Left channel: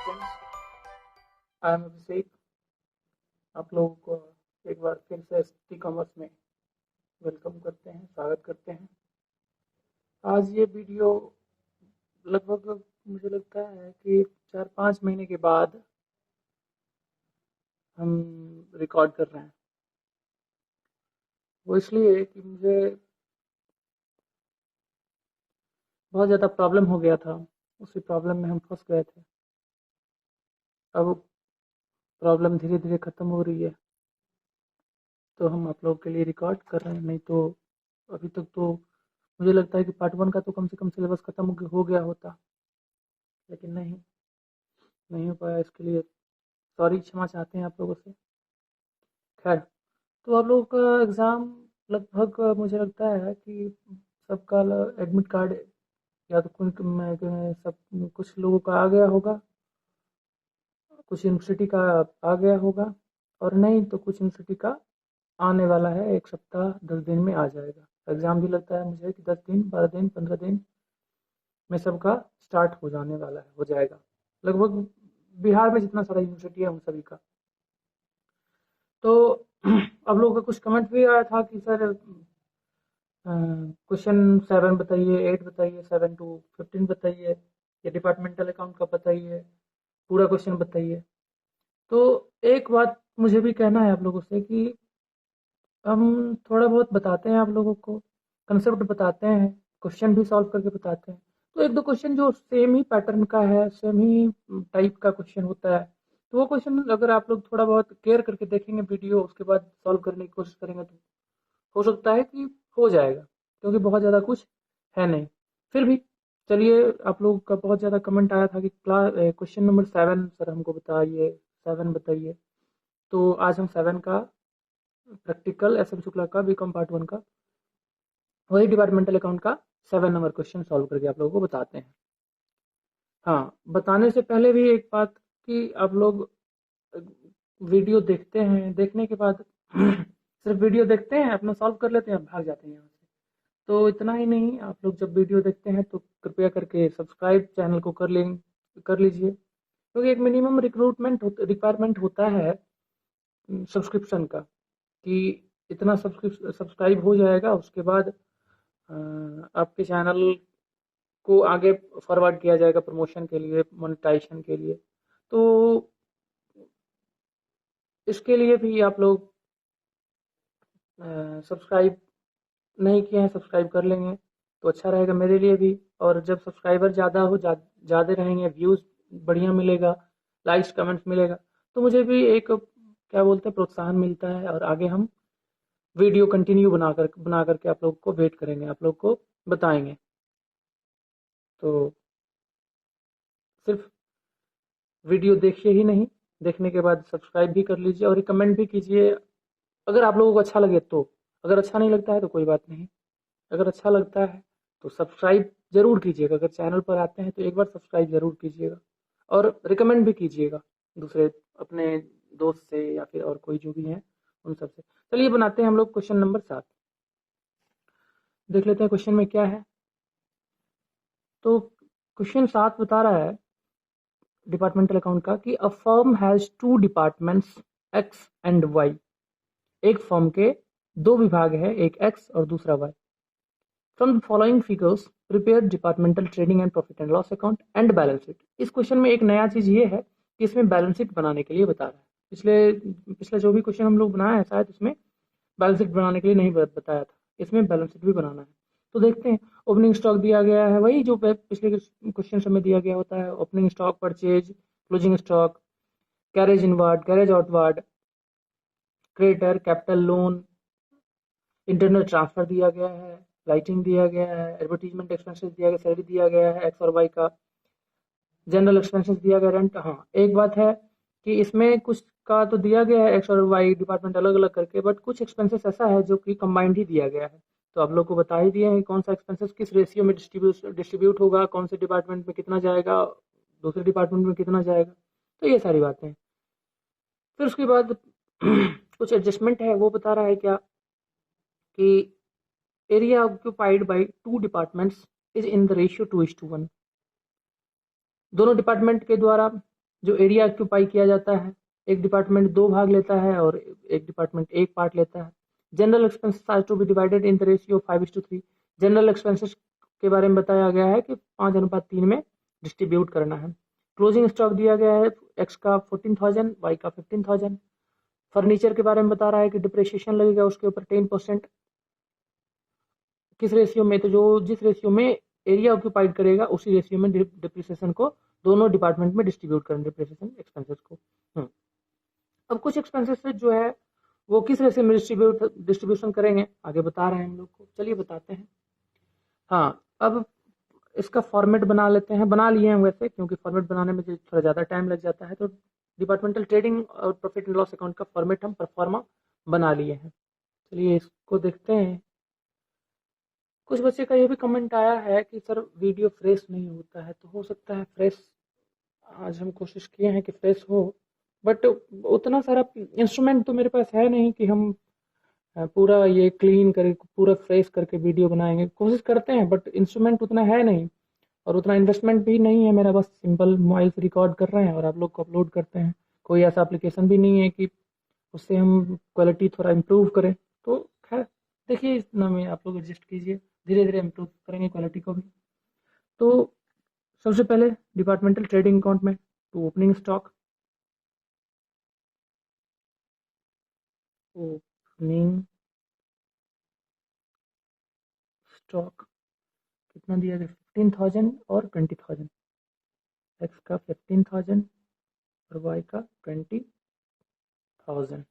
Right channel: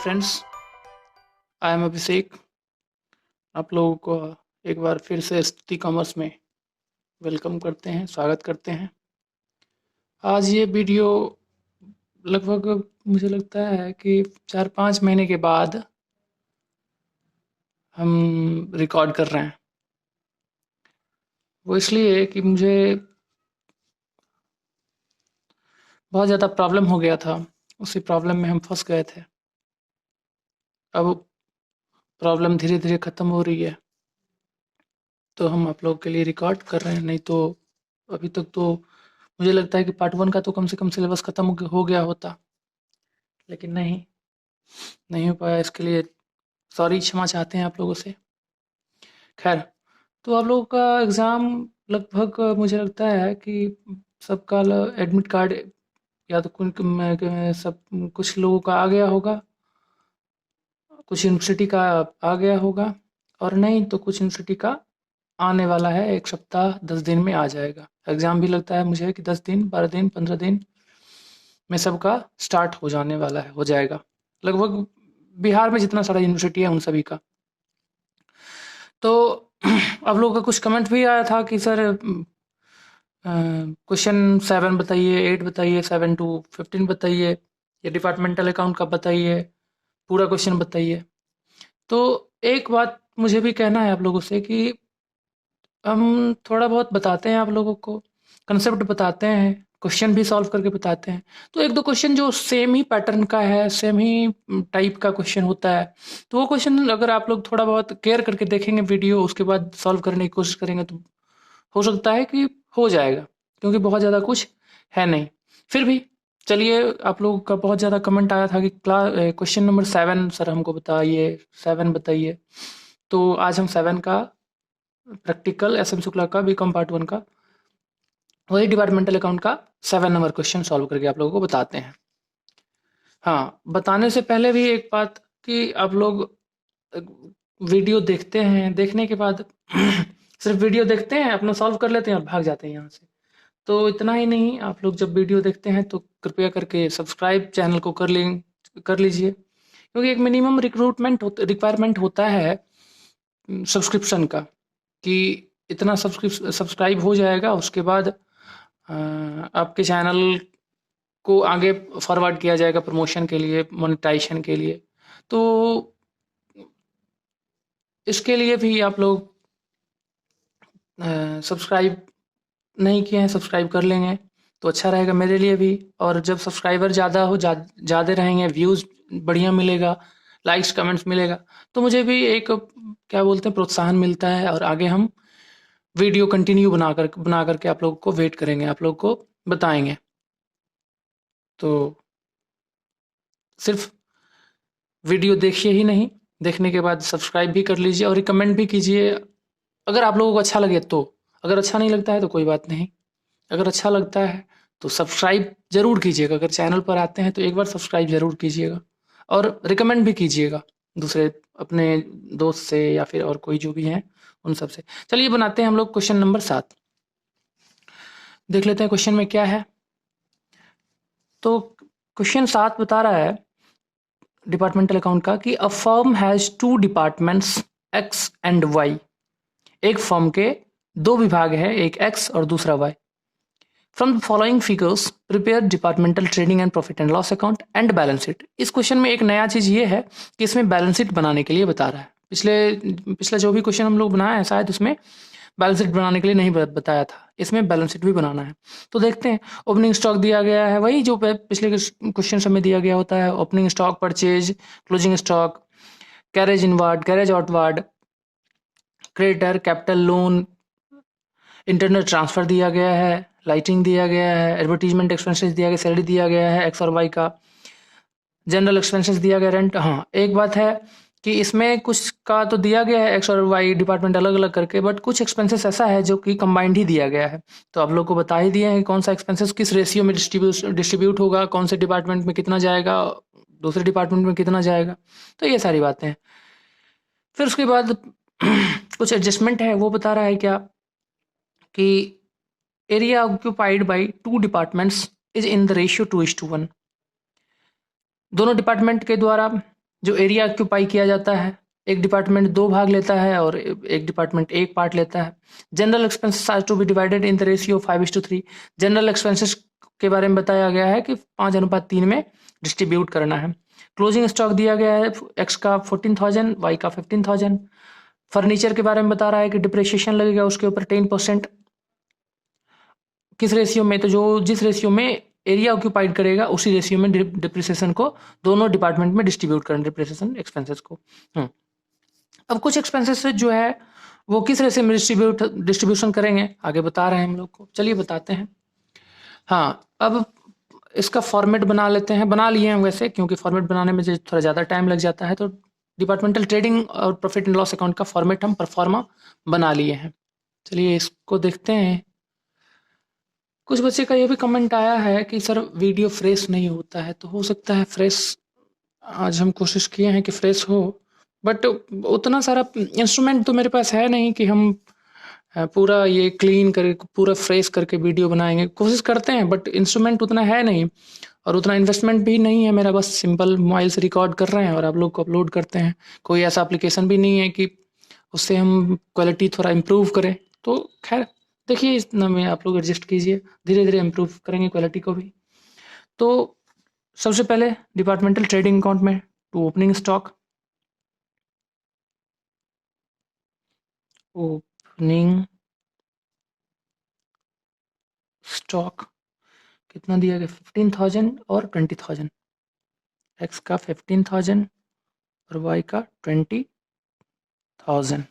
Friends, I am अभिषेक। आप लोगों को एक बार फिर से स्तुति कॉमर्स में वेलकम करते हैं, स्वागत करते हैं। आज ये वीडियो लगभग मुझे लगता है कि 4-5 महीने के बाद हम रिकॉर्ड कर रहे हैं। वो इसलिए कि मुझे बहुत ज़्यादा प्रॉब्लम हो गया था, उसी प्रॉब्लम में हम फंस गए थे। अब प्रॉब्लम धीरे-धीरे ख़त्म हो रही है, तो हम आप लोगों के लिए रिकॉर्ड कर रहे हैं। नहीं तो अभी तक तो मुझे लगता है कि पार्ट 1 का तो कम से कम सिलेबस ख़त्म हो गया होता, लेकिन नहीं हो पाया। इसके लिए सॉरी, क्षमा चाहते हैं आप लोगों से। खैर, तो आप लोगों का एग्ज़ाम लगभग मुझे लगता है कि सबका एडमिट कार्ड या तो सब कुछ लोगों का आ गया होगा, कुछ यूनिवर्सिटी का आ गया होगा, और नहीं तो कुछ यूनिवर्सिटी का आने वाला है। 1 सप्ताह 10 दिन में आ जाएगा। एग्ज़ाम भी लगता है मुझे कि 10 दिन, 12 दिन, 15 दिन में सबका स्टार्ट हो जाने वाला है, हो जाएगा। लगभग बिहार में जितना सारा यूनिवर्सिटी है उन सभी का। तो आप लोगों का कुछ कमेंट भी आया था कि सर क्वेश्चन 7 बताइए, 8 बताइए, 7 टू 15 बताइए, या डिपार्टमेंटल अकाउंट का बताइए, पूरा क्वेश्चन बताइए। तो एक बात मुझे भी कहना है आप लोगों से कि हम थोड़ा बहुत बताते हैं आप लोगों को, कंसेप्ट बताते हैं, क्वेश्चन भी सॉल्व करके बताते हैं। तो 1-2 क्वेश्चन जो सेम ही पैटर्न का है, सेम ही टाइप का क्वेश्चन होता है, तो वो क्वेश्चन अगर आप लोग थोड़ा बहुत केयर करके देखेंगे वीडियो, उसके बाद सॉल्व करने की कोशिश करेंगे, तो हो सकता है कि हो जाएगा, क्योंकि बहुत ज़्यादा कुछ है नहीं। फिर भी चलिए, आप लोगों का बहुत ज़्यादा कमेंट आया था कि क्वेश्चन नंबर 7 सर हमको बताइए, 7 बताइए। तो आज हम 7 का प्रैक्टिकल एसएम शुक्ला का बीकॉम पार्ट 1 का वही डिपार्टमेंटल अकाउंट का 7 नंबर क्वेश्चन सॉल्व करके आप लोगों को बताते हैं। हाँ, बताने से पहले भी एक बात कि आप लोग अ, वीडियो देखते हैं, देखने के बाद सिर्फ वीडियो देखते हैं, अपना सॉल्व कर लेते हैं और भाग जाते हैं यहाँ से। तो इतना ही नहीं, आप लोग जब वीडियो देखते हैं तो कृपया करके सब्सक्राइब चैनल को कर लीजिए, क्योंकि एक मिनिमम रिक्वायरमेंट होता है सब्सक्रिप्शन का, कि इतना सब्सक्राइब हो जाएगा, उसके बाद आपके चैनल को आगे फॉरवर्ड किया जाएगा प्रमोशन के लिए, मोनेटाइजेशन के लिए। तो इसके लिए भी आप लोग सब्सक्राइब नहीं किए हैं, सब्सक्राइब कर लेंगे तो अच्छा रहेगा मेरे लिए भी। और जब सब्सक्राइबर ज़्यादा रहेंगे, व्यूज़ बढ़िया मिलेगा, लाइक्स कमेंट्स मिलेगा, तो मुझे भी एक क्या बोलते हैं प्रोत्साहन मिलता है, और आगे हम वीडियो कंटिन्यू बना करके आप लोगों को वेट करेंगे, आप लोग को बताएंगे। तो सिर्फ वीडियो देखिए ही नहीं, देखने के बाद सब्सक्राइब भी कर लीजिए और रिकमेंड भी कीजिए, अगर आप लोगों को अच्छा लगे तो। अगर अच्छा नहीं लगता है तो कोई बात नहीं, अगर अच्छा लगता है तो सब्सक्राइब ज़रूर कीजिएगा। अगर चैनल पर आते हैं तो एक बार सब्सक्राइब ज़रूर कीजिएगा, और रिकमेंड भी कीजिएगा दूसरे अपने दोस्त से, या फिर और कोई जो भी हैं उन सब से। चलिए बनाते हैं हम लोग क्वेश्चन नंबर 7। देख लेते हैं क्वेश्चन में क्या है। तो क्वेश्चन 7 बता रहा है डिपार्टमेंटल अकाउंट का कि a firm has 2 departments X and Y. एक फर्म के 2 विभाग हैं, एक एक्स और दूसरा Y. From the following figures prepare departmental trading and profit and loss account and balance sheet. इस क्वेश्चन में एक नया चीज़ ये है कि इसमें बैलेंस शीट बनाने के लिए बता रहा है। पिछला जो भी क्वेश्चन हम लोग बनाए हैं शायद उसमें बैलेंस शीट बनाने के लिए नहीं बताया था, इसमें बैलेंस शीट भी बनाना है। तो देखते हैं। ओपनिंग स्टॉक दिया गया है, वही जो पिछले क्वेश्चन में दिया गया होता है। Opening stock, purchase, closing stock, carriage inward, carriage outward, creditor, capital loan, internet transfer दिया गया है, लाइटिंग दिया गया है, एडवर्टाइजमेंट एक्सपेंसेस दिया गया, सैलरी दिया गया है एक्स और वाई का, जनरल एक्सपेंसेस दिया गया, रेंट। हाँ, एक बात है कि इसमें कुछ का तो दिया गया है एक्स और वाई डिपार्टमेंट अलग अलग करके, बट कुछ एक्सपेंसेस ऐसा है जो कि कंबाइंड ही दिया गया है। तो आप लोग को बता ही दिए हैं कि कौन सा एक्सपेंसेस किस रेशियो में डिस्ट्रीब्यूट होगा, कौन से डिपार्टमेंट में कितना जाएगा, दूसरे डिपार्टमेंट में कितना जाएगा। तो ये सारी बातें हैं। फिर उसके बाद कुछ एडजस्टमेंट है, वो बता रहा है क्या कि area occupied by 2 departments is in the ratio 2:1। दोनों डिपार्टमेंट के द्वारा जो एरिया ऑक्यूपाई किया जाता है, एक डिपार्टमेंट 2 भाग लेता है और एक डिपार्टमेंट 1 पार्ट लेता है। General expenses are to be divided in the ratio 5:3। General expenses के बारे में बताया गया है कि 5:3 में डिस्ट्रीब्यूट करना है। क्लोजिंग स्टॉक दिया गया है एक्स का 14,000, वाई का 15,000। फर्नीचर के बारे में बता रहा है कि डिप्रिसिएशन लगेगा उसके ऊपर 10%। किस रेशियो में, तो जो जिस रेशियो में एरिया ऑक्यूपाइड करेगा उसी रेशियो में डिप्रिसिएशन को दोनों डिपार्टमेंट में डिस्ट्रीब्यूट करना, डिप्रिसिएशन एक्सपेंसेस को। अब कुछ एक्सपेंसेस जो है वो किस रेशियो में डिस्ट्रीब्यूशन करेंगे आगे बता रहे हैं हम लोग को, चलिए बताते हैं। हाँ, अब इसका फॉर्मेट बना लेते हैं, बना लिए हैं वैसे, क्योंकि फॉर्मेट बनाने में थोड़ा ज़्यादा टाइम लग जाता है, तो डिपार्टमेंटल ट्रेडिंग और प्रॉफिट एंड लॉस अकाउंट का फॉर्मेट हम परफॉर्मा बना लिए हैं। चलिए इसको देखते हैं। कुछ बच्चे का ये भी कमेंट आया है कि सर वीडियो फ्रेश नहीं होता है, तो हो सकता है फ्रेश, आज हम कोशिश किए हैं कि फ्रेश हो, बट उतना सारा इंस्ट्रूमेंट तो मेरे पास है नहीं कि हम पूरा ये क्लीन करके पूरा फ्रेश करके वीडियो बनाएंगे। कोशिश करते हैं बट इंस्ट्रूमेंट उतना है नहीं और उतना इन्वेस्टमेंट भी नहीं है मेरा, बस सिंपल मोबाइल से रिकॉर्ड कर रहे हैं और आप लोग को अपलोड करते हैं। कोई ऐसा एप्लीकेशन भी नहीं है कि उससे हम क्वालिटी थोड़ा इम्प्रूव करें। तो खैर देखिए, इतना में आप लोग एडजस्ट कीजिए, धीरे धीरे इम्प्रूव करेंगे क्वालिटी को भी। तो सबसे पहले डिपार्टमेंटल ट्रेडिंग अकाउंट में to opening stock, opening stock कितना दिया गया, 15,000 और 20,000। एक्स का 15,000 और वाई का 20,000।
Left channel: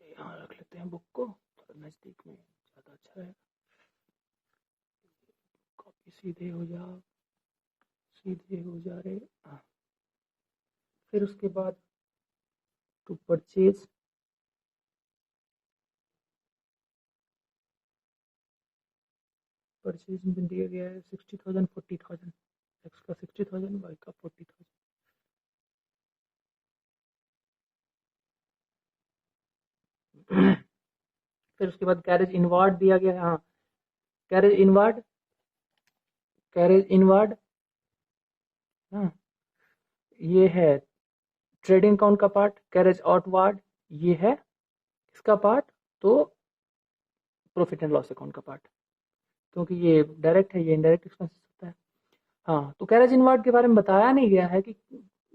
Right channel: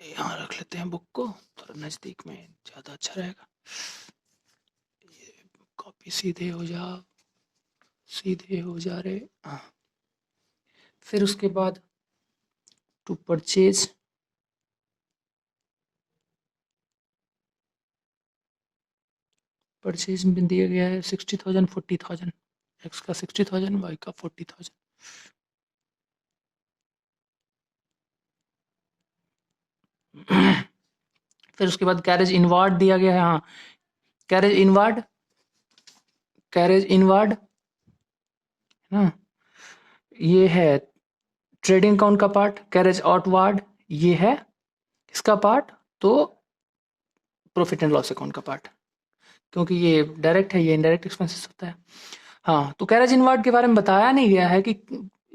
यहाँ रख लेते हैं बुक को, थोड़ा नज़दीक में ज़्यादा अच्छा रहेगा। ये कॉपी सीधे हो जा रहे। हाँ, फिर उसके बाद टू परचेज, परचेज में दिया गया है 60,000 40,000। एक्स का 60,000, वाई का 40,000। फिर उसके बाद कैरेज इनवार्ड दिया गया है। हाँ, कैरेज इनवार्ड ना, ये है ट्रेडिंग अकाउंट का पार्ट। कैरेज आउटवार्ड ये है इसका पार्ट, तो प्रॉफिट एंड लॉस अकाउंट का पार्ट, क्योंकि ये डायरेक्ट है, ये इनडायरेक्ट एक्सपेंसेस होता है। हाँ, तो कैरेज इनवार्ड के बारे में बताया नहीं गया है कि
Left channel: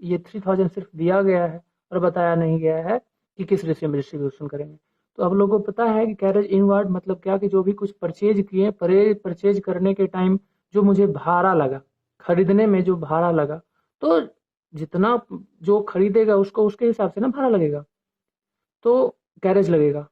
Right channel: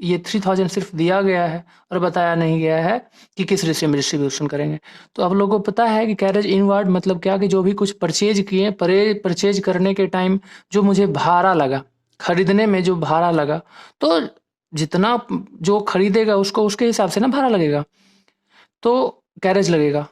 ये 3,000 सिर्फ दिया गया है और बताया नहीं गया है कि किस रेशियो में डिस्ट्रीब्यूशन करेंगे। तो आप लोगों को पता है कि कैरेज इनवार्ड मतलब क्या, कि जो भी कुछ परचेज किए, परचेज करने के टाइम जो मुझे भाड़ा लगा, खरीदने में जो भाड़ा लगा, तो जितना जो खरीदेगा उसको उसके हिसाब से ना भाड़ा लगेगा, तो कैरेज लगेगा।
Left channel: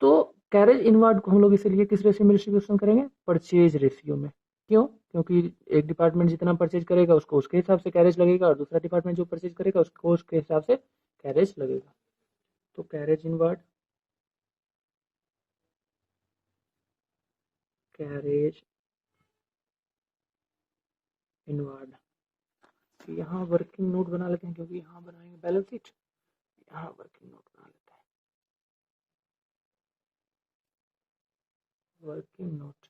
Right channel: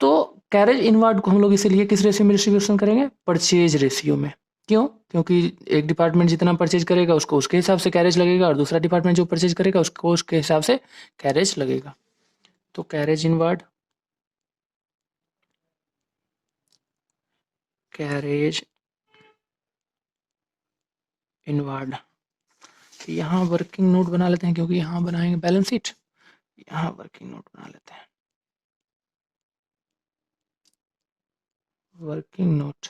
तो कैरेज इनवार्ड को हम लोग इसीलिए किस रेशियो में डिस्ट्रीब्यूशन करेंगे, परचेज रेशियो में। क्यों? क्योंकि एक डिपार्टमेंट जितना परचेज करेगा उसको उसके हिसाब से कैरेज लगेगा और दूसरा डिपार्टमेंट जो परचेज करेगा उसको उसके हिसाब से कैरेज लगेगा। तो कैरेज इनवार्ड, कैरेज इनवार्ड, यहाँ वर्किंग नोट बना लेते हैं क्योंकि यहाँ बनाएंगे बैलेंस शीट। यहाँ वर्किंग नोट बना लेते हैं, वर्किंग नोट।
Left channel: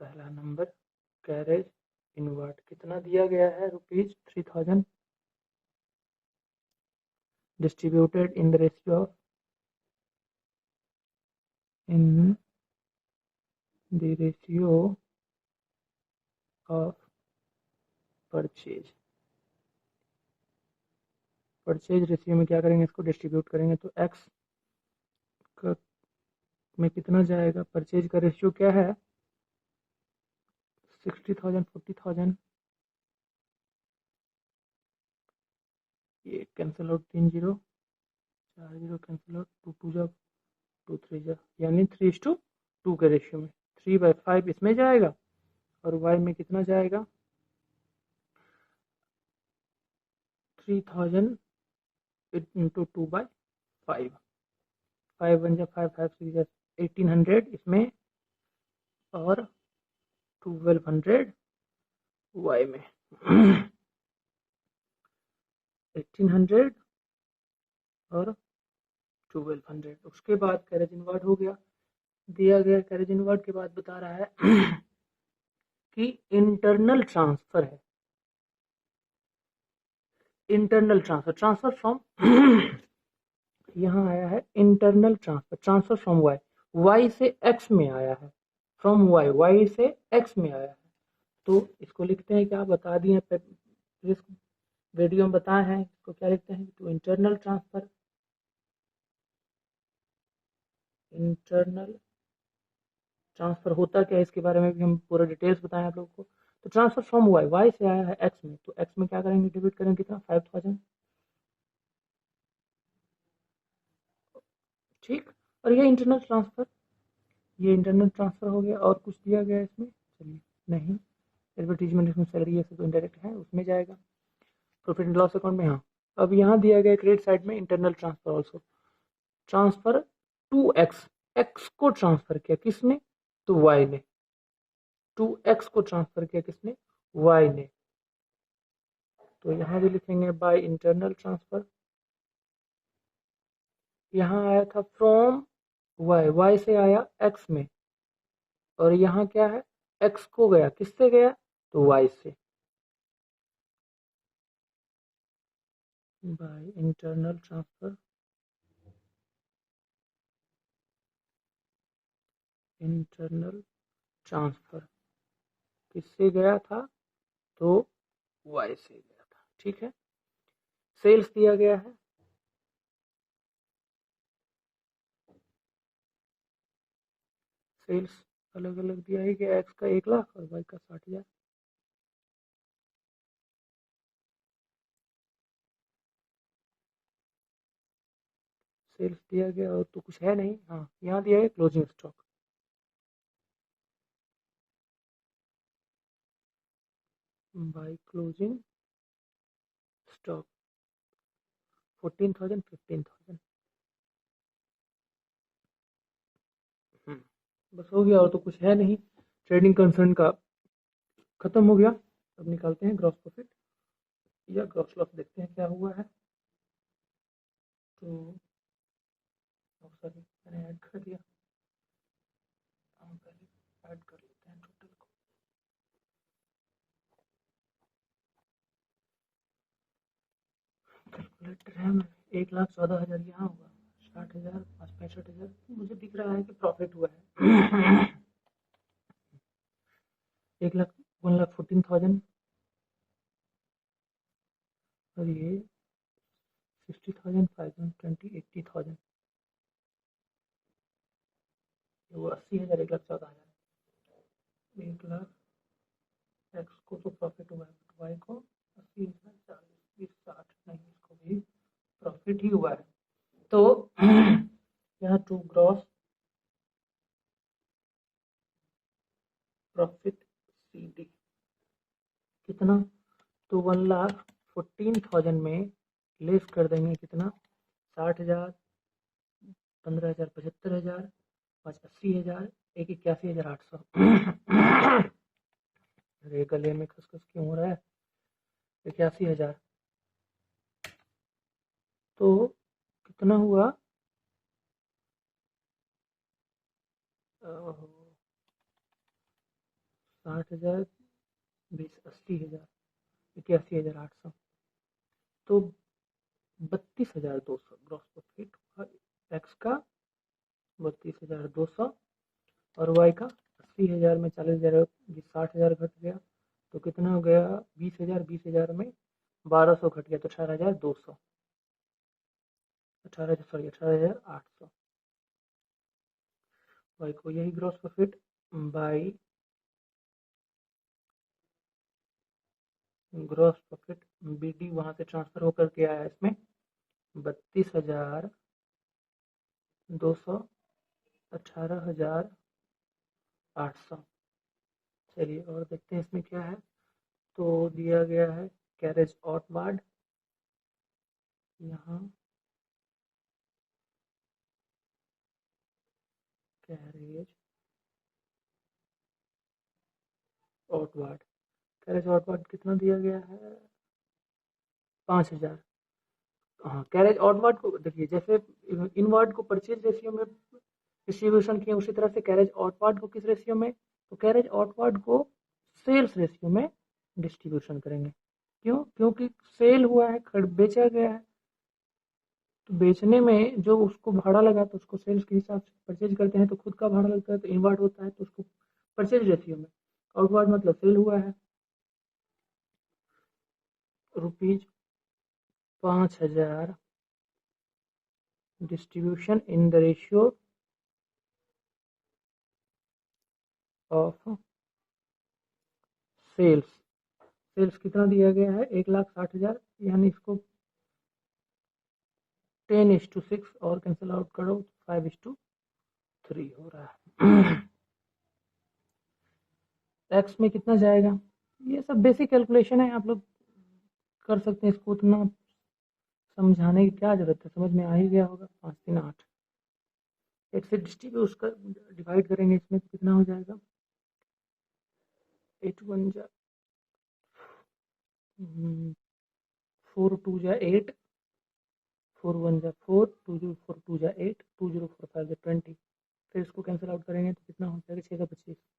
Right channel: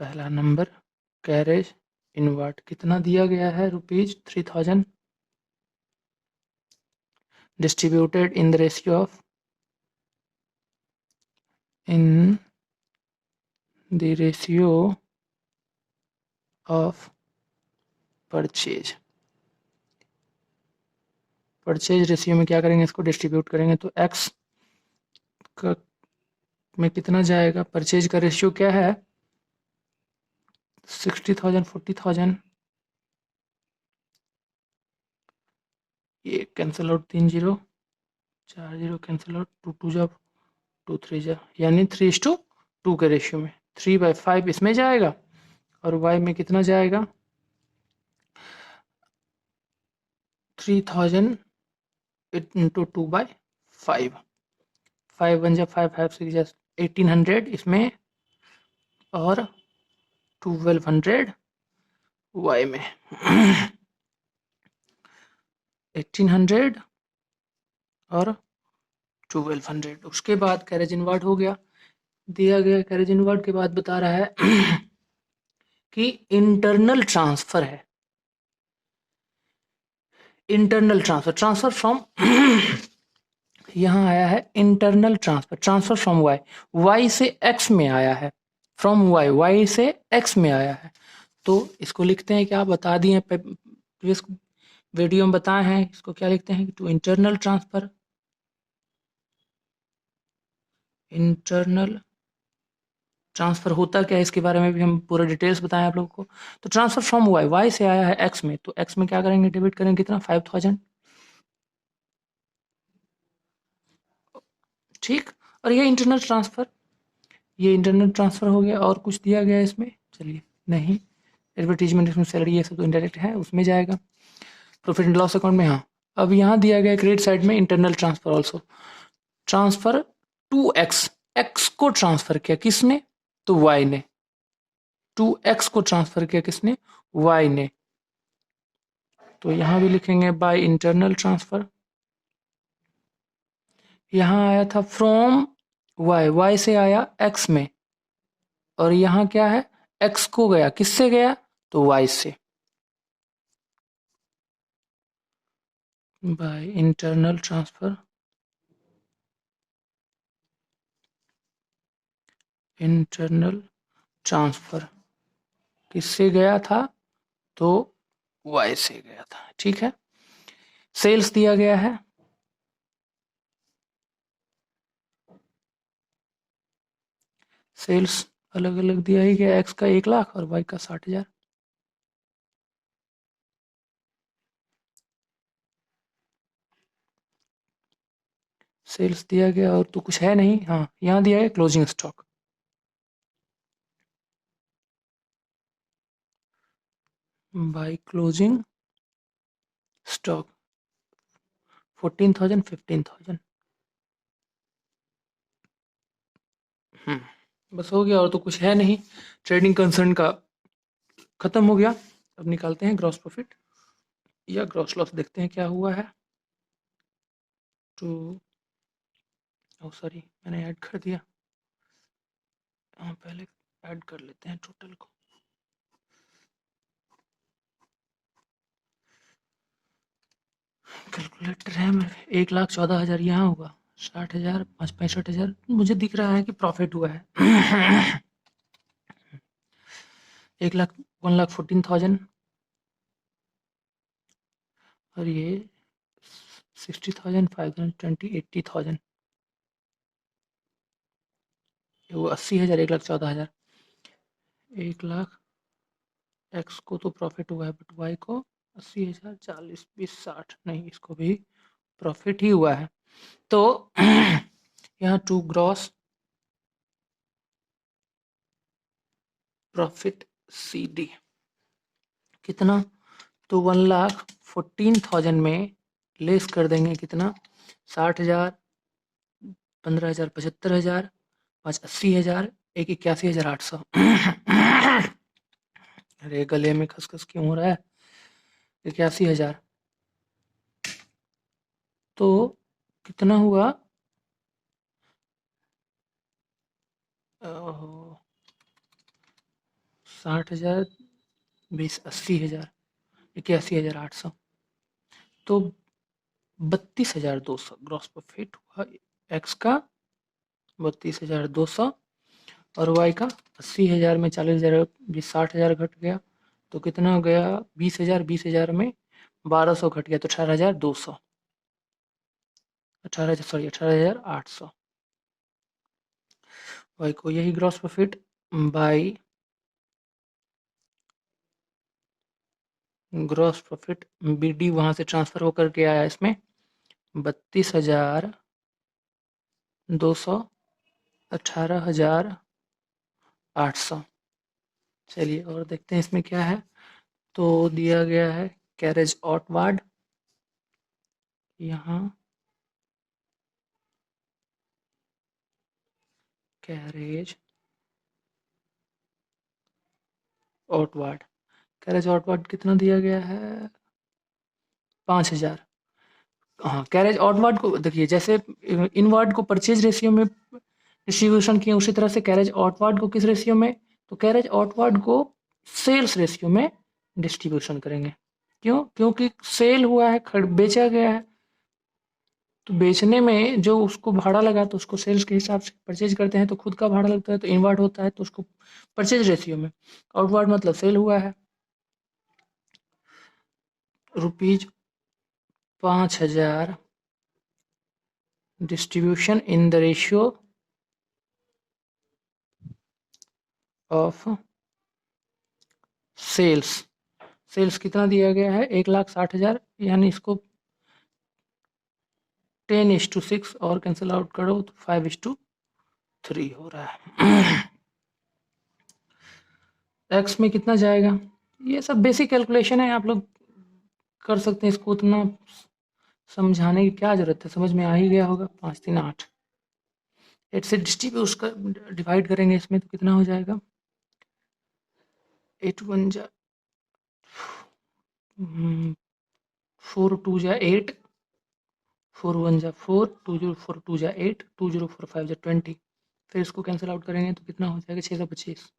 पहला नंबर, कैरेज इनवार्ड कितना दिया गया है, ₹3,000, distributed in the ratio of, in the ratio of purchase. Purchase ratio में क्या करेंगे, इसको डिस्ट्रीब्यूट करेंगे, तो एक्स का में कितना जाएगा, परचेज का रेशियो क्या है, 60,000 40,000। ये cancel out, 3 zero 4 zero cancel out, 2 2 जा 2 3 जा, यानी 3:2 के रेशियो में 3/5 इसमें जाएगा और वाई में कितना जाएगा, 3,000 इंटू 2/5। 5 1 जा 5 5 6 जा 1,800 इसमें और 1,200 वाई में। 1,800 और 1,200। उसके बाद कैरेज इनवार्ड हो गया, दिया गया कैरेज इनवार्ड के बाद बता रहा है कि इंटरनल ट्रांसफर है, इंटरनल ट्रांसफर, ट्रांसफर फ्रॉम यहाँ आया है internal transfer, transfer from Y, Y से एक्स में आया है, फ्रॉम वाई, वाई से एक्स में आया है। तो इसको लिखते हैं क्या, बता दिए प्रीवियस वीडियो में बताए हैं, इसको क्या लिखते हैं, to internal transfer, internal transfer होता क्या है इसके बारे में भी हम पूरा डिटेल्स बताएं आप लोगों को। तो ट्रांसफर फ्रॉम वाई, वाई से आया है एक्स में, तो एक्स में क्या करेंगे, डेबिट करेंगे कितना, 5000, ठीक। और ये इंटरनल ट्रांसफर, ये इंटरनल ट्रांसफर हो गया। और कुछ दिया गया है इसमें, चलिए नहीं, एडवर्टीजमेंट, इसमें सैलरी, ये सब तो इंडायरेक्ट है, उसमें जाएगा। प्रॉफिट एंड लॉस अकाउंट में, हाँ। अब यहाँ दिया गया क्रेडिट साइड में internal transfer also, transfer to X, X को ट्रांसफर किया किसने, तो वाई ने, टू एक्स को ट्रांसफर किया किसने, वाई ने। तो यहाँ भी लिखेंगे बाय इंटरनल ट्रांसफर। यहाँ आया था फ्रॉम वाई, वाई से आया एक्स में, और यहाँ क्या है, एक्स को गया किससे गया, तो वाई से, by internal transfer, internal transfer किससे गया था, तो वाई से गया था, ठीक है। सेल्स दिया गया है, सेल्स अलग अलग दिया ही गया, एक्स का 1 लाख और वाई का 60,000। सेल्स दिया गया, और तो कुछ है नहीं, हाँ यहाँ दिया है closing stock, by closing stock 14,000 15,000। बस हो गया, और तो कुछ है नहीं, ट्रेडिंग कंसर्न का खत्म हो गया। अब निकालते हैं ग्रॉस प्रॉफिट या ग्रॉस लॉस, देखते हैं क्या हुआ है। तो सॉरी, मैंने ऐड कर दिया, हाँ पहले ऐड कर लेते हैं टोटल को। कैलकुलेटर है मेरे, 1,14,000 यहाँ होगा, 60,000 5 65,000, मुझे दिख रहा है कि प्रॉफिट हुआ है। 1 लाख 1,14,000, और ये 60,000 520 80,000, वो 80,000, 1,14,000, 1 लाख एक्स को तो प्रॉफिट हुआ है, बट वाई को 80,000, 40 20 60 नहीं, इसको भी प्रॉफिट ही हुआ है। तो यहाँ to gross profit C D कितना, तो 1,14,000 में लेस कर देंगे कितना, 60,000, 15,000, 75,000, 5 80,000, 1 81,800। अरे गले में खसखस क्यों हो रहा है, 81,000, तो कितना हुआ, 60,000 20 80,000, 81,800, तो 32,200 ग्रॉस प्रॉफिट हुआ एक्स का, 32,200, और वाई का 80,000 में 40,000 भी 60,000 घट गया, तो कितना हो गया, 20,000, 20,000 में 1,200 घट गया, तो 18,200, 18,000 सॉरी 18,800। वाई को यही gross profit by gross profit B D वहाँ से ट्रांसफर होकर के आया इसमें 32,200, 18,800। चलिए और देखते हैं इसमें क्या है। तो दिया गया है कैरेज आउटवार्ड, यहाँ कैरेज आउटवार्ड, कैरेज आउटवार्ड कितना दिया गया है, 5,000। हाँ कैरेज आउटवार्ड को देखिए, जैसे इनवर्ड को परचेज रेशियो में डिस्ट्रीब्यूशन किए, उसी तरह से कैरेज आउटवार्ड को किस रेशियो में, तो कैरेज आउटवार्ड को सेल्स रेशियो में डिस्ट्रीब्यूशन करेंगे। क्यों? क्योंकि सेल हुआ है, बेचा गया है, तो बेचने में जो उसको भाड़ा लगा तो उसको सेल्स के हिसाब से परचेज करते हैं, तो खुद का भाड़ा लगता है तो इनवर्ट होता है, तो उसको परचेज रेशियो में। आउटवर्ड मतलब सेल हुआ है, rupees 5,000 distribution in the ratio of sales. Sales कितना दिया गया है? 1,60,000, यानी इसको 10:6 और कैंसिल आउट करो तो 5:3 हो रहा है। एक्स में कितना जाएगा? ये सब बेसिक कैलकुलेशन है, आप लोग कर सकते हैं, इसको उतना समझाने की क्या जरूरत है, समझ में आ ही गया होगा। 5 3 8, 8 से डिस्ट्रीब्यूट कर डिवाइड करेंगे इसमें तो कितना हो जाएगा? 8 1 जा 4 2 जा 8, 4 1 जा 4, 2 0 4 2 जा 8, 2 0 4 5 जा 20। फिर इसको कैंसिल आउट करेंगे तो कितना हो जाएगा? 625।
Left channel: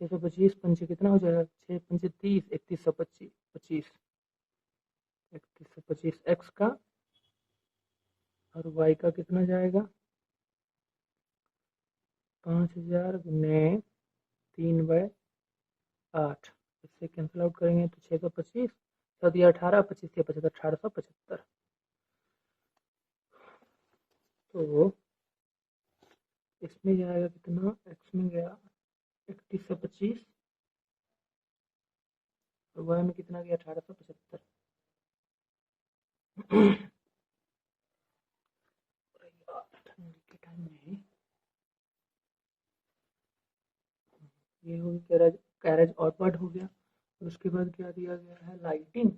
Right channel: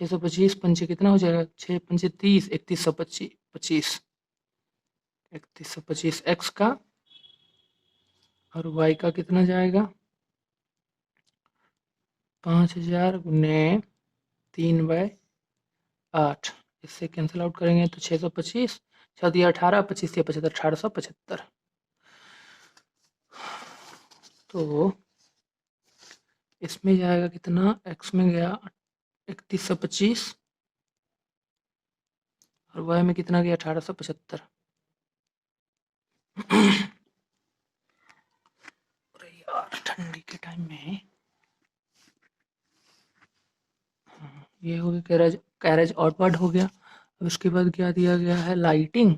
625 पंचे कितना हो जाएगा? 6 पंचे 30, 3125, 3125 एक्स का, और वाई का कितना जाएगा? 5,000 गुने 3/8। इससे कैंसिल आउट करेंगे तो 625, 6 दिया 18, 25 दिया 75, 1875। तो इसमें जाएगा कितना? एक्स में गया 3125, और वाई में कितना गया? 1875। अरे यार, ठंडी के टाइम में ये हो गया कैरेज, कैरेज आउटवर्ड हो गया। अब उसके बाद क्या दिया गया है? लाइटिंग,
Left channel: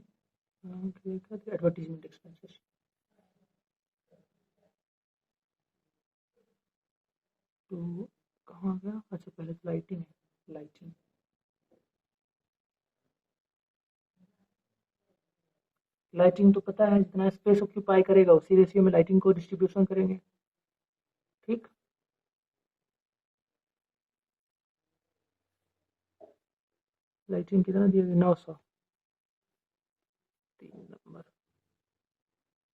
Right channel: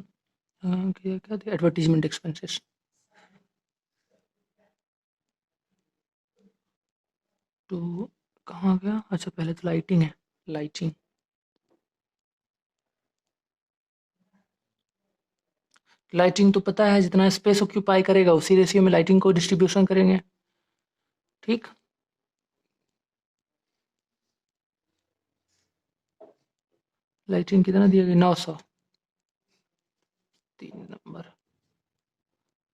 क्या दिया? Advertisement expenses. तो कहाँ गया? अच्छा, पहले तो लाइटिंग है। लाइटिंग, लाइटिंग तो पता है, जितना स्पेस ऑक्यूपाई करेगा उसी रेशियो में लाइटिंग को डिस्ट्रीब्यूशन करेंगे। ठीक, लाइटिंग कितना दिया गया? 900। 3 नंबर,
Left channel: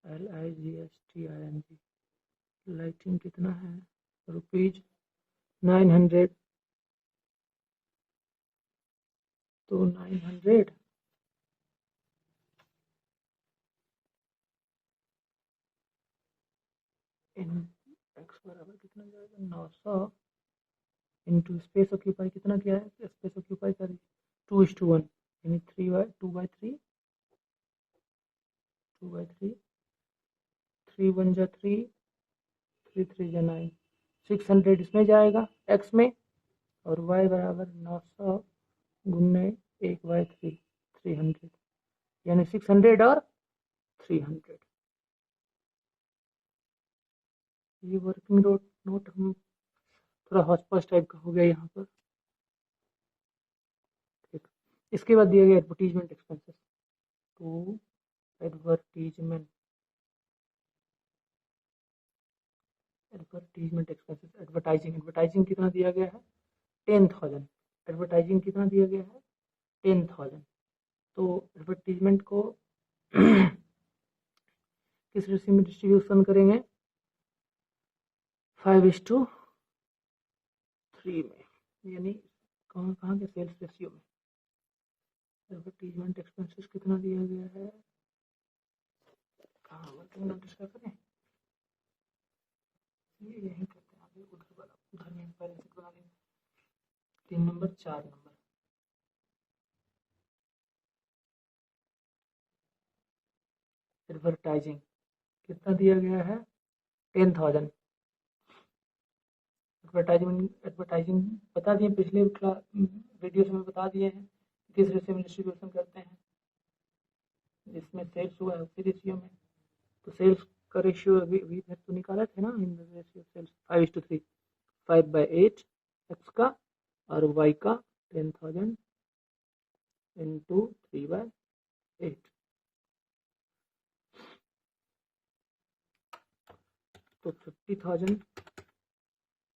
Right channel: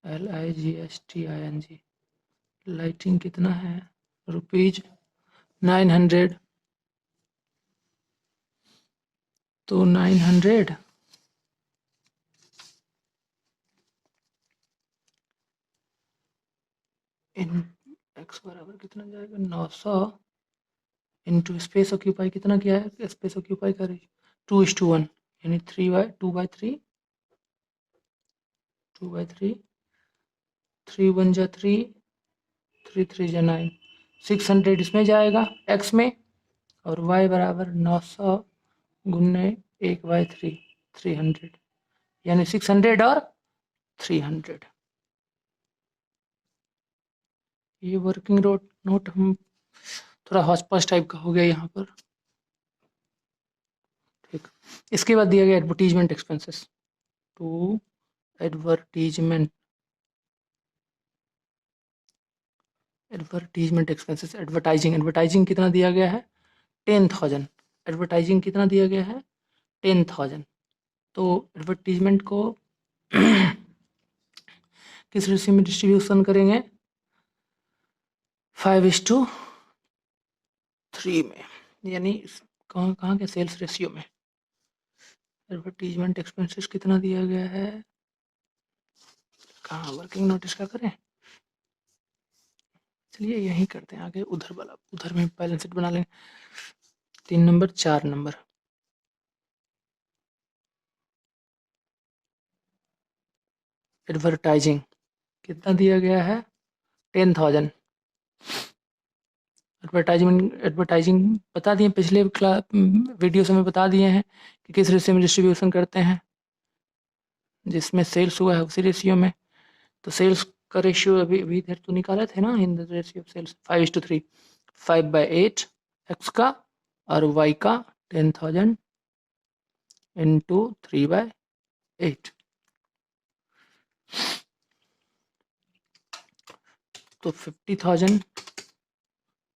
LIGSTING। लाइटिंग कितना है? रुपीज 900। तो 900 इन एक्स बराबर कितना जाएगा? 900 इंटू स्पेस ऑक्यूपाई कितना किया है? स्पेस ऑक्यूपाई करे 2:1, यानी 2/3, 2/3, 3 1 जा 3, 3 3 जा 9, 600 इसमें जाएगा एक्स में, और वाई बराबर 900 गुने 1/3, 300, यानी 600 और 300। ये वर्किंग नोट हम थोड़ा हौच-पौच टाइप का हो गया यहाँ पर। ठीक, इसके बाद दिया गया advertisement expenses. To advertisement advertisement expenses, advertising, advertising कितना दिया गया है? 10,000। एडवर्टाइजिंग कितना दिया गया है? 10,000। तो एडवर्टीजमेंट को किस रेशियो में डिस्ट्रीब्यूशन करेंगे? 5:3 में, यानी कहाँ कहाँ के? सेल्स रेशियो में। एडवर्टीजमेंट एक्सपेंसेस कितना दिया गया है? कहाँ वर्किंग नोटिस का करें? चलिए यहीं करते हैं, आगे उधर वाला, उधर में बैलेंस शीट बना लेंगे। 3 नंबर 4 नंबर, एडवर्टाइजिंग कितना दिया गया है? 10,000। एडवर्टाइजिंग बता दिए पिछले वीडियो में, बता दिए हैं कि किस रेशियो में डिस्ट्रीब्यूशन करते हैं, जिसमें सेल्स हुआ है उसी रेशियो में। तो सेल्स का रेशियो अभी अभी इधर तो निकाले थे ना, in the ratio of sales 5:3, 5/8 X का, और वाई का 10,000 इंटू 3/8। तो 50,000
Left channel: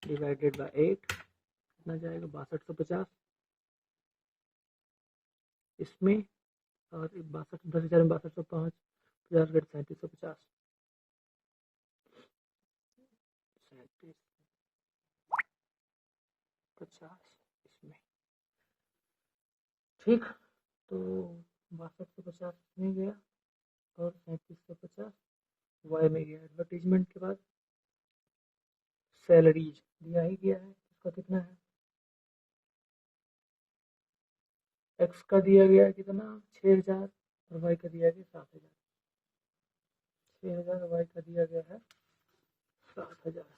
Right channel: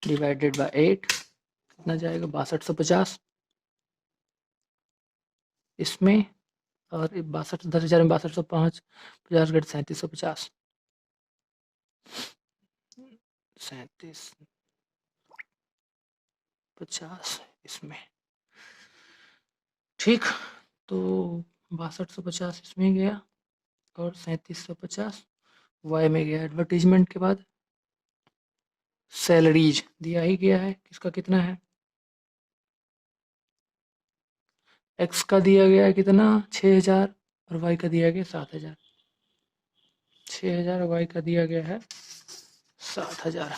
डिवाइडेड बाय 8 कितना जाएगा? 6250। इसमें, और 62 10,000 में 6205, 50 घट 3750, 3750 इसमें। ठीक, तो 6250 इसमें गया और 3750 वाई में गया। एडवर्टीजमेंट के बाद सैलरीज दिया ही गया है, किसका कितना है, एक्स का दिया गया है कितना 6000 और वाई का दिया गया 7000। 6000 वाई का दिया गया है 7000।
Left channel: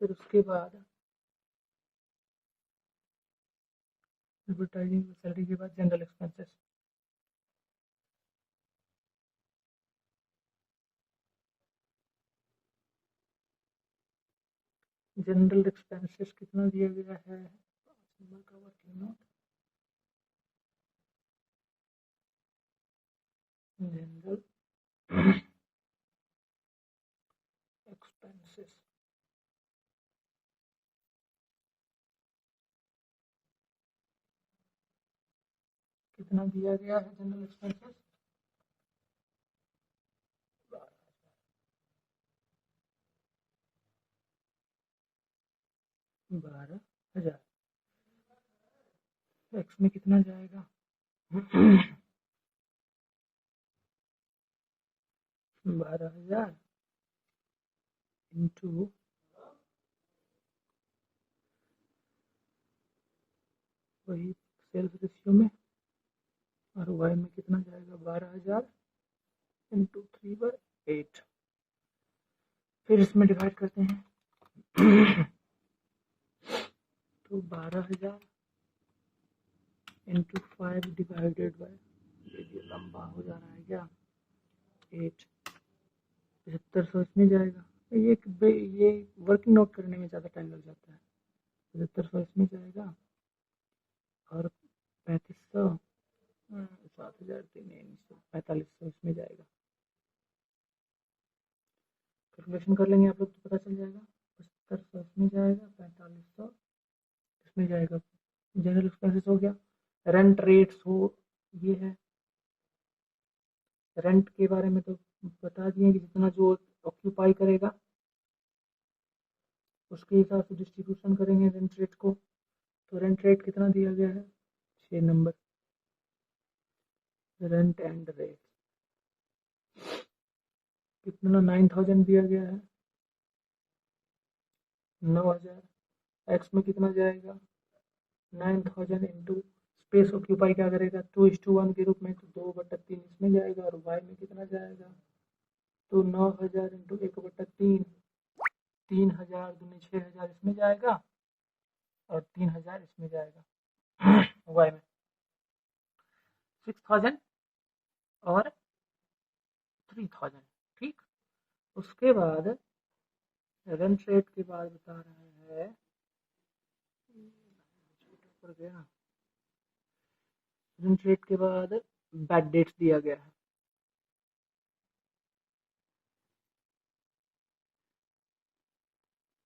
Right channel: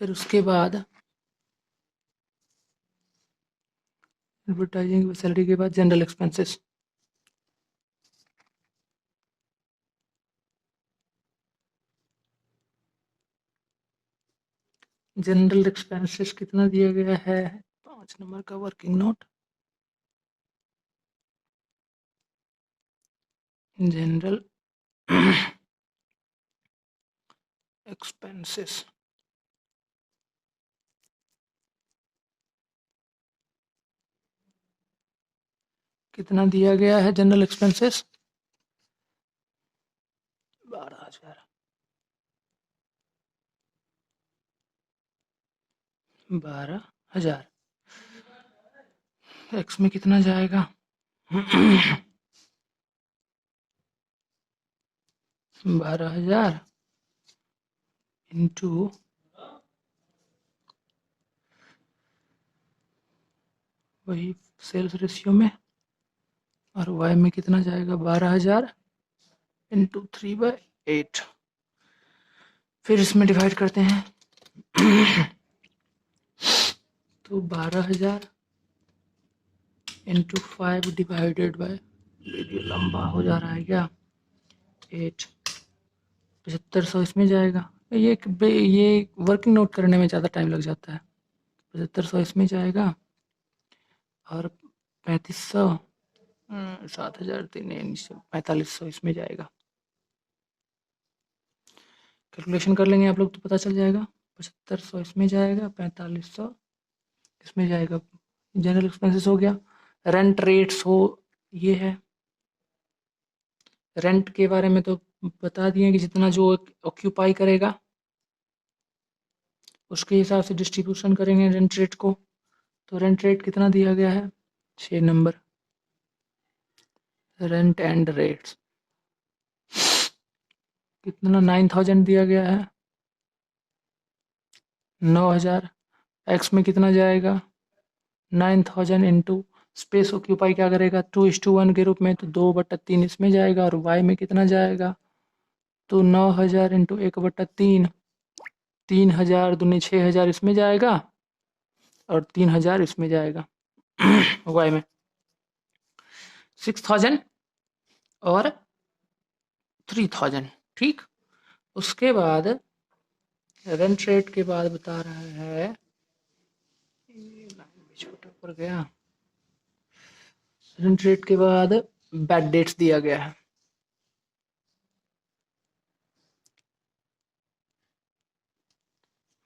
फिर उसके बाद एडवर्टाइजिंग सैलरी के बाद जनरल एक्सपेंसेस। जनरल एक्सपेंसेस कितना दिया गया है, 5 नंबर का वर्किंग नोट, जनरल एक्सपेंसेस कितना दिया गया है, जनरल एक्सपेंसेस 12,000। 12,000 एक्स में कितना जाएगा 12,000 इंटू वही सेल्स रेशियो में, और वाई में कितना जाएगा 12,000 इंटू 3/8। फिर इसमें डिवाइड करते हैं तो 12,000 इंटू 5 डिवाइडेड बाय, वीडियो लंबा हो जा रहा है क्या, 8, 7500 इसमें जाएगा। ये वर्किंग नोट करने में ज़्यादा टाइम लग जाता है। 7500 इसमें जाएगा और 3500 7,000 4500 इसमें जाएगा। कैलकुलेशन कर लेंगे आप लोग तो पता चल जाएगा। 7500 इसमें जाएगा, 4500 इसमें जाएगा। जनरल एक्सपेंसेस हो गया। रेंट रेट्स हो, ये है। रेंट के बारे में तो बता दिए कि जितना जो ऑक्यूपाई करेगा उसके हिसाब से डिस्ट्रीब्यूशन करेंगे रेंट रेट को। तो रेंट रेट कितना दिया गया है 6 नंबर, रेंट एंड रेट्स कितना 9,000 दिया गया है, 9,000। एक्स में कितना जाएगा 9,000 इंटू स्पेस ऑक्यूपाई क्या करेगा 2:1 के रूप में, तो 2/3 इसमें जाएगा। और वाई में कितना जाएगा तो 9,000 इंटू 1/3, 3,000 दूनी 6,000 इसमें जाएगा और 3,000 इसमें जाएगा वाई में 6,000 और 3,000। ठीक, उसके बाद रेंट रेट के बाद बता रहा है, लाइन भी छोटा पड़ गया। रेंट रेट के बाद बैड डेट्स दिया गया है।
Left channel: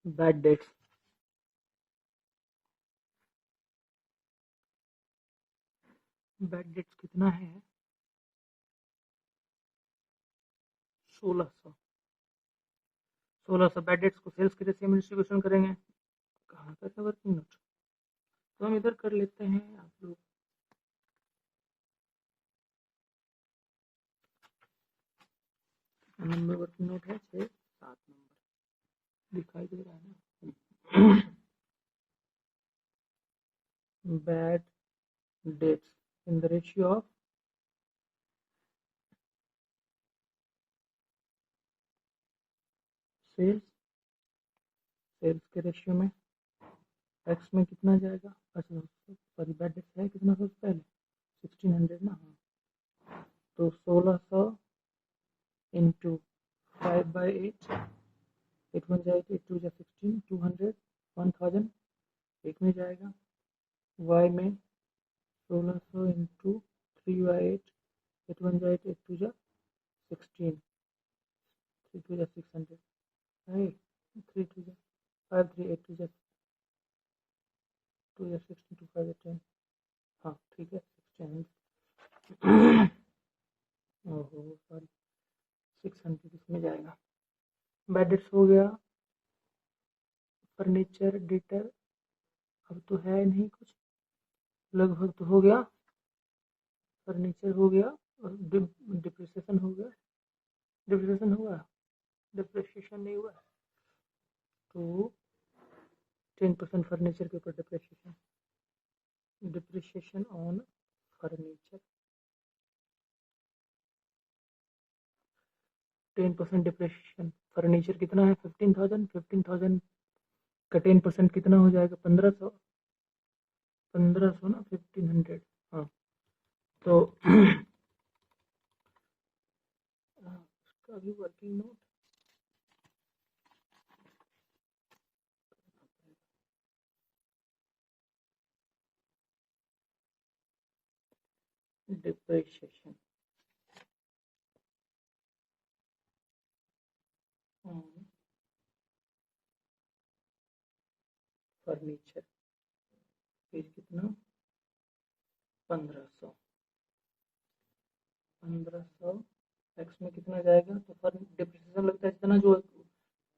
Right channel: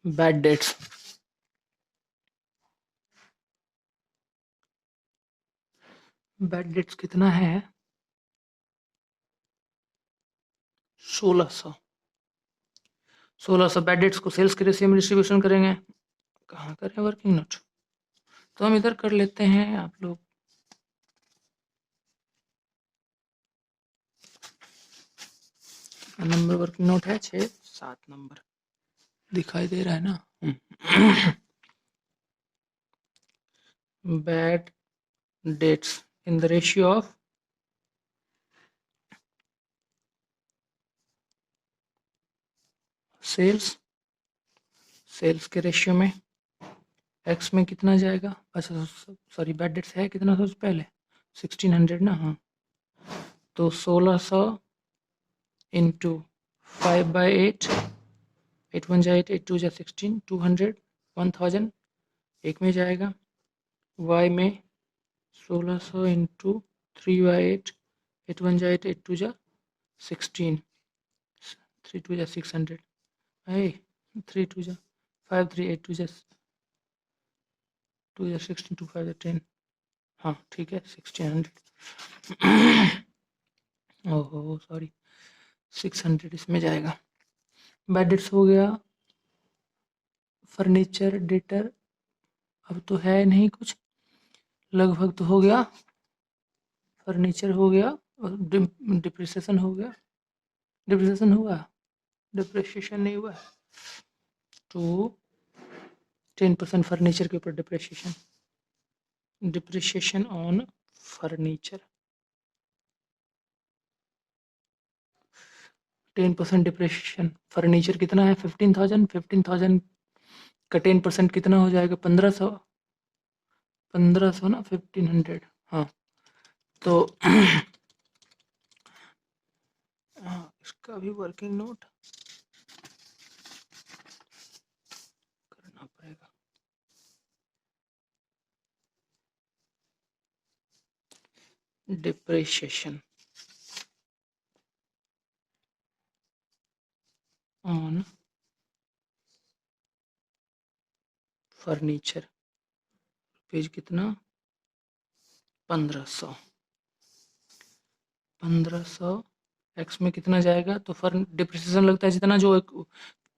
बैड डेट्स कितना है 1600 बैड डेट्स को सेल्स के रेशियो में डिस्ट्रीब्यूशन करेंगे। कहाँ करें वर्किंग नोट, तो हम इधर कर लेते हैं। आप लोग नंबर वर्किंग नोट है 6-7 नंबर दिखाई दे रहा है ना। Bad debts in the ratio of sales के रेशियो में एक्स में कितना जाएगा, अच्छा सॉरी बैड डेट्स है कितना सबसे पहले 1600 ना, हाँ तो 1600 इंटू 5/8, 8 1 जा 8, 8 2 जा 16, 200, 1000 एक में जाएगा। वाई में 1600 इंटू 3/8, 8 1 जा 8, 8 2 जा 16, 3 2 जा 600, 3 2 जा 5 3 8 2 जा 2 या 16 2 5 10, हाँ ठीक है 1600। ओहो सॉरी, 600 इसमें जाएगा। बेड डेट्स हो गया, फर्नीचर डेटर अब तो है नहीं कुछ, लगभग तो हो गया। फर्नीचर हो गया और डिप्रिसिएशन हो गया। डिप्रिसिएशन हुआ, डिप्रिसिएशन नहीं हुआ तो 10% फर्नीचर के ऊपर depreciation, depreciation on furniture 10% depreciation. Furniture कितना है 15,000, 15,000 का 10% कितना हो जाएगा 1500, 1500 ना 1500, हाँ तो इसका भी वर्किंग नोट करना पड़ेगा। डिप्रिसिएशन ऑन फर्नीचर, पेज कितना 1500, 1500 एक्स में कितना जाएगा तो डिप्रिसिएशन लगता है जितना जो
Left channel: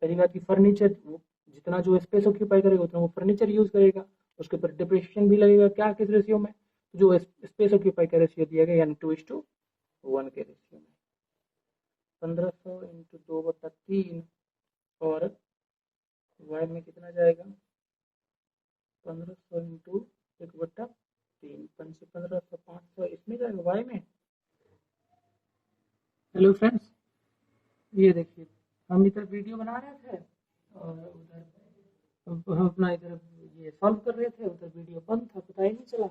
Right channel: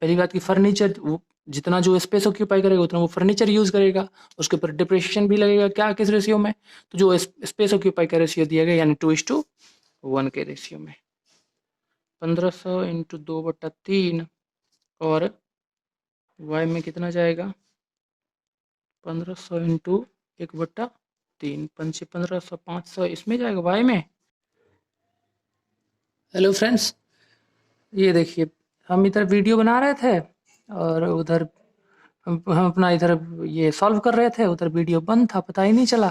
पहली बात की फर्नीचर जितना जो स्पेस ऑक्यूपाई करेगा उतना वो फर्नीचर यूज करेगा, उसके ऊपर डिप्रिसिएशन भी लगेगा क्या किस रेशियो में, तो जो स्पेस ऑक्यूपाई का रेशियो दिया गया यानी 2:1 के रेशियो में। 1500 इंटू 2/3 और वाई में कितना जाएगा 1500 इंटू 1/3, 1500 500 इसमें जाएगा वाई में। हेलो फ्रेंड्स, ये देखिए हम इधर वीडियो बना रहे थे और उधर हम अपना इधर ये सॉल्व कर रहे थे, उधर वीडियो बंद था पता ही नहीं चला।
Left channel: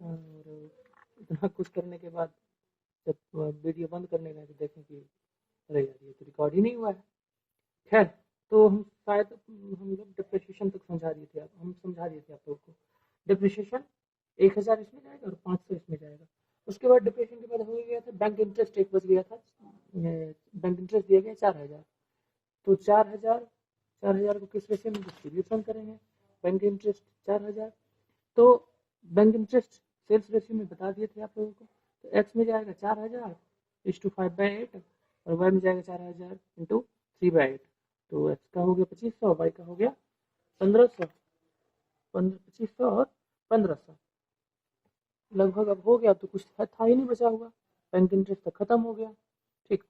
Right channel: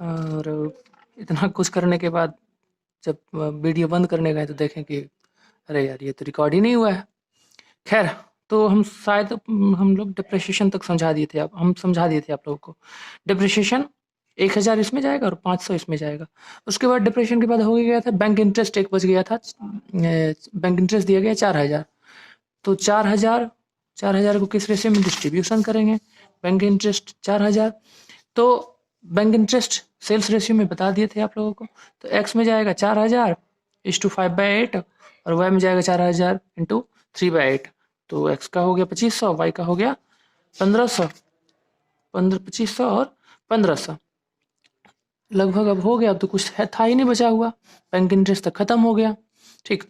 और इतना कुछ करने के बाद जब वीडियो बंद करने गए तो देखें कि अरे यार ये तो रिकॉर्ड ही नहीं हुआ है। खैर तो हम शायद हम लोग डिप्रिसिएशन तक समझा दिए थे, हम समझा दिए थे आप लोगों को। डिप्रिसिएशन 1000 इसमें जाएगा और 500 इसमें जाएगा। उसके बाद डिप्रिसिएशन के बाद हो गया था बैंक इंटरेस्ट एक बच गया था, बैंक इंटरेस्ट दिया गया 4000, तो 4000 4000 को किस रेशियो में डिस्ट्रीब्यूशन करेंगे, बैंक इंटरेस्ट 4000, तो बैंक इंटरेस्ट सेल्स रेशियो में बता दिए थे आप लोगों को, तो एक्स में जाएगा 4000 इस टू 5/8 और वाई में जाएगा 4000 इंटू 3/8, तो एक्स का हो गया 2500, वाई का हो गया 1500, 2500 और 1500 लगभग अब हो गया। अब तो कुछ है था ही नहीं बचा हुआ, बैंक इंटरेस्ट तक खत्म हो गया। ठीक,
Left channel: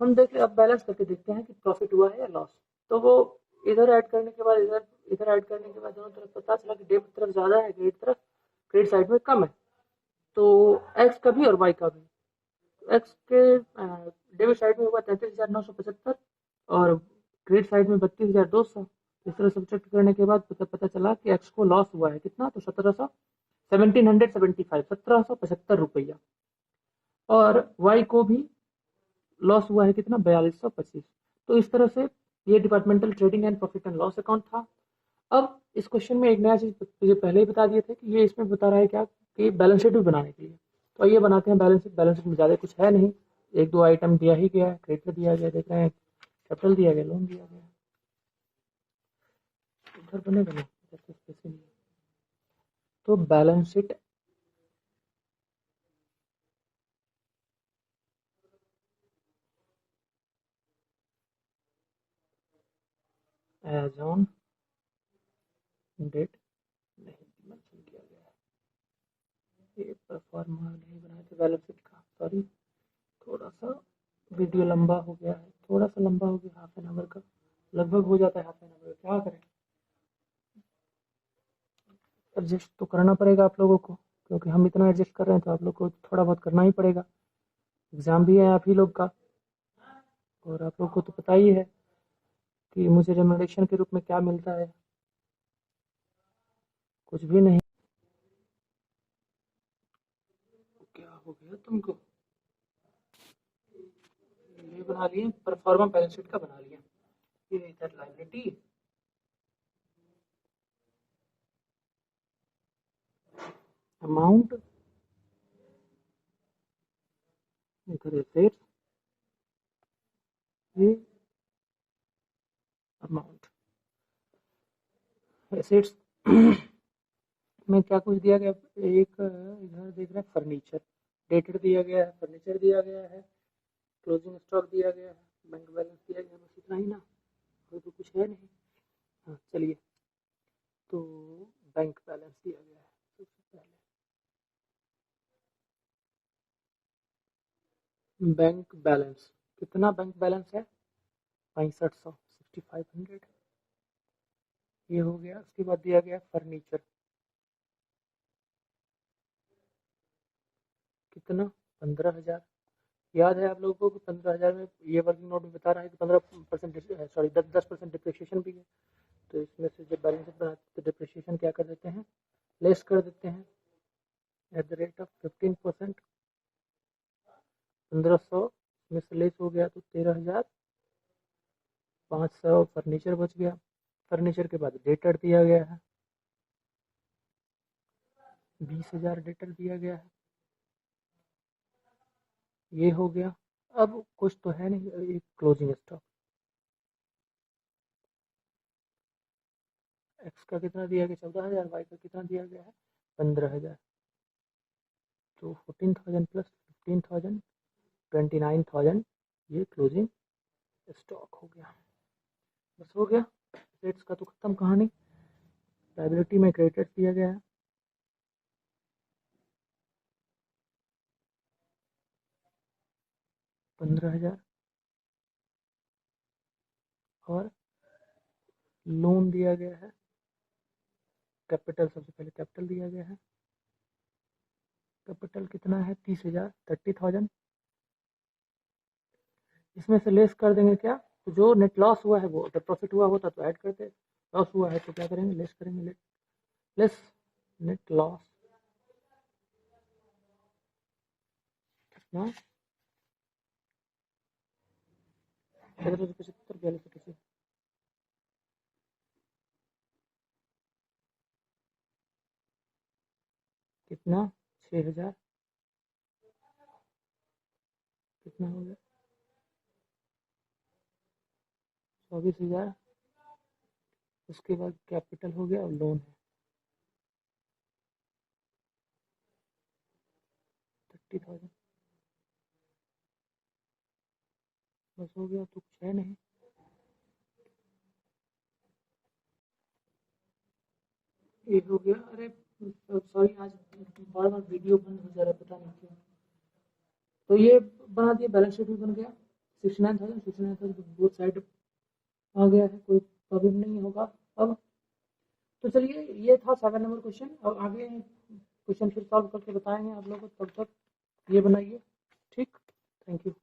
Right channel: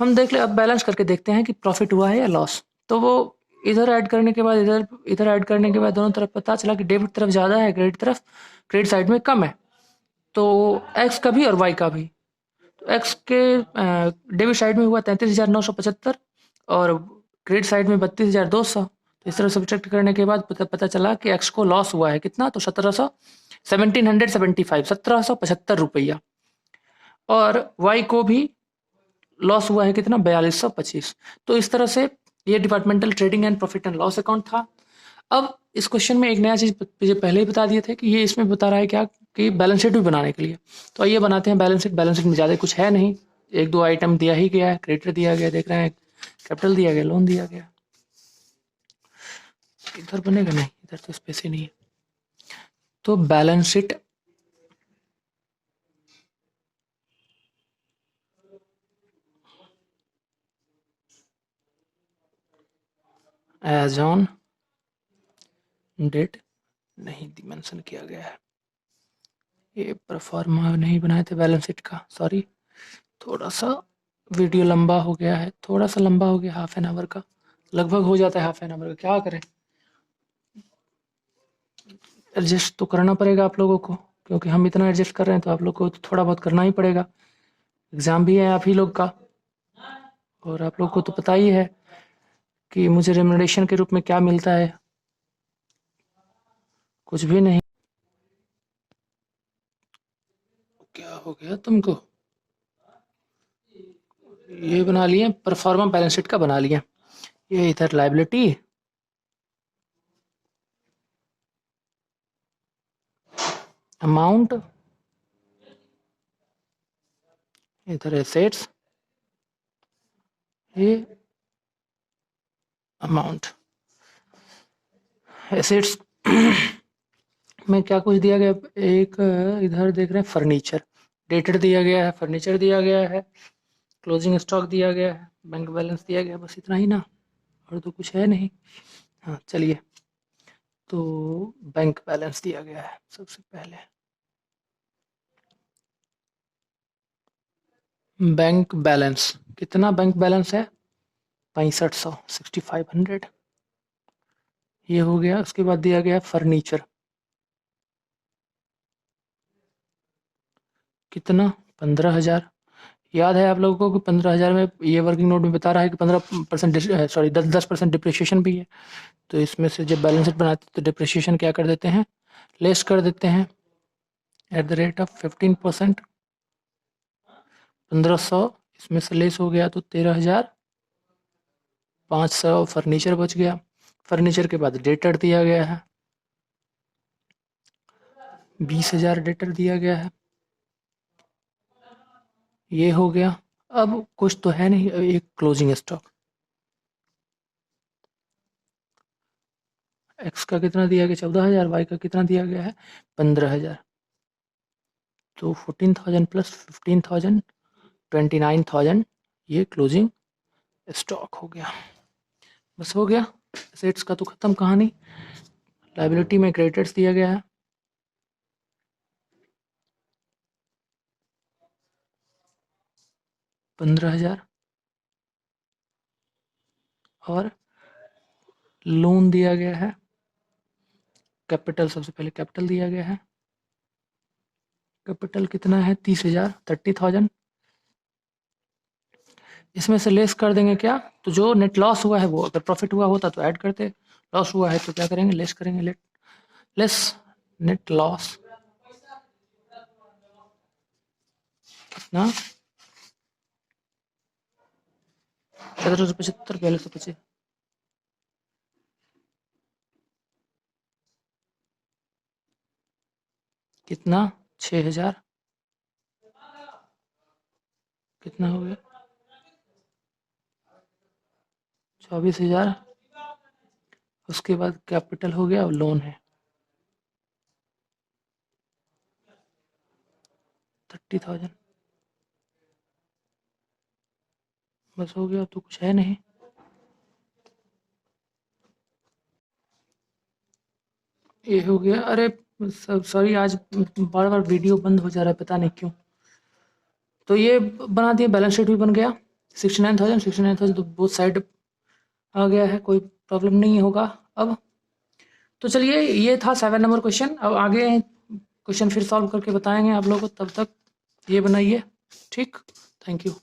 हम देख ले अब बैलेंस करके देखते हैं कि प्रॉफिट हुआ है या लॉस। तो वो इधर ऐड करने के बाद इधर ऐड करने के बाद दोनों तरफ पता चला कि डेबिट तरफ ज़्यादा है, क्रेडिट साइड में कम है, तो एक्स का भी और वाई का भी। तो एक्स के डेबिट साइड में हुआ 33,975 और क्रेडिट साइड में 32,200, तो इस तरह सब्ट्रैक्ट करने के बाद पता चला कि एक्स को लॉस हुआ है कितना, तो 1775 और वाई को भी लॉस हुआ है कितना 4225। तो इस तरह से ये departmental trading and profit and loss account था। अब इस क्वेश्चन में एक नया चीज़ मुझे पहले ही बता दिए थे कि ये इसमें बता रहा है क्या कि बैलेंस शीट भी बनाने के लिए। तो आइए बनाते हैं बैलेंस शीट। बैलेंस शीट में ज़्यादा कुछ है नहीं, एक दो आइटम दिया ही गया है, क्रेडिटर दिया गया, देख रहे हैं कैपिटल दिया गया, लोन दिया गया। इधर बनेगा नहीं, इधर तो स्पेस ही नहीं है। तो balance sheet as on date नहीं मेंशन किया गया है, ये परफॉर्मा नहीं बनाए थे बैलेंस शीट का, सॉरी। थोड़ा सा वीडियो लंबा हो गया है, थोड़ा सा लंबा हो गया, हाफ एन आवर का लगभग हो जाता है, हाफ एन आवर का क्या करें, एडजस्ट तो करना पड़ेगा आप लोगों को, क्योंकि हम इतना एडजस्ट कर रहे हैं तो आप लोग को तो थोड़ा बहुत करना ही पड़ेगा। एग्ज़ाम भी है आप ही लोग का और आप लोग को तो पता ही है कि मुझे रेम्युनरेशन के रूप में क्या मिलता है, कुछ भी नहीं। क्या हो गया तुमको, ये बना लिए परफॉर्मा बैलेंस शीट का बना लिया, ये इधर लायबिलिटी, अमाउंट, इधर एसेट्स, ये अमाउंट, एसेट्स में क्या कुछ दिया गया, एक इधर देख रहे हैं फर्नीचर, डेटेड दिया गया है, फर्नीचर दिया गया है, क्लोजिंग स्टॉक दिया गया है, बैंक बैलेंस दिया गया है, बस इतना ही ना, और तो कुछ है नहीं। हाँ चलिए, तो बैंक बैलेंस दिया गया है सबसे पहले। बैंक बैलेंस कितना, बैंक बैलेंस है 6500, 6500, ये हो गया। उसके बाद दिया गया फर्नीचर, कितना 15000। याद है आप लोगों को कि 15000 में ये वर्किंग नोट में बता रहा है कि 15% सॉरी 10% डिप्रिशिएशन भी है। तो इसमें से जब बैलेंस शीट बनाते हैं तो डिप्रिशिएशन क्या कर देते हैं, लेस कर देते हैं एट द रेट ऑफ 15%। 1500 इसमें से लेस हो गया तो 13500 फर्नीचर बच गया। फर्नीचर के बाद डेटर दिया गया है, 20000 डेटर दिया गया है, ये हो गया। अब कुछ तो है नहीं, एक क्लोजिंग स्टॉक, एक्स का कितना दिया गया 14000, वाई का कितना दिया गया है 15000। तो 14000 प्लस 15000 29000, ये क्लोजिंग स्टॉक हो गया। बस हो गया, एसेट्स का तो खत्म कहानी। लाइबिलिटी में क्रेडिटर्स दिया गया है, 15000, और लोन दिया गया है, कैपिटल सबसे पहले कैपिटल दिया गया है, कैपिटल कितना है 30000, 30000। इसमें से लेस कर देंगे क्या, तो जो नेट लॉस हुआ है वो, अगर प्रॉफिट हुआ होता तो ऐड करते, लॉस हुआ है तो क्या करेंगे, लेस करेंगे। लेस नेट लॉस कितना 1775 पहले से पचे, कितना 6000, कितना हो गया 24000। उसके बाद कैपिटल हो गया और लोन है 30000। बस हो गया, तो कुछ है नहीं। ये हो गया। अरे सब सॉरी, आज बार बार वीडियो बंद हो जा रहा है, पता नहीं क्यों। तो ये बना दिया, बैलेंस शीट भी बन गया। 69000 तो बोथ साइड आ गया है, कोई प्रॉब्लम नहीं होगा अब। तो चलिए, ये था 7 नंबर क्वेश्चन। अब आगे क्वेश्चन फिर सॉल्व करके बताएंगे आप लोगों को, तब तक ये बनाइए। ठीक, थैंक यू।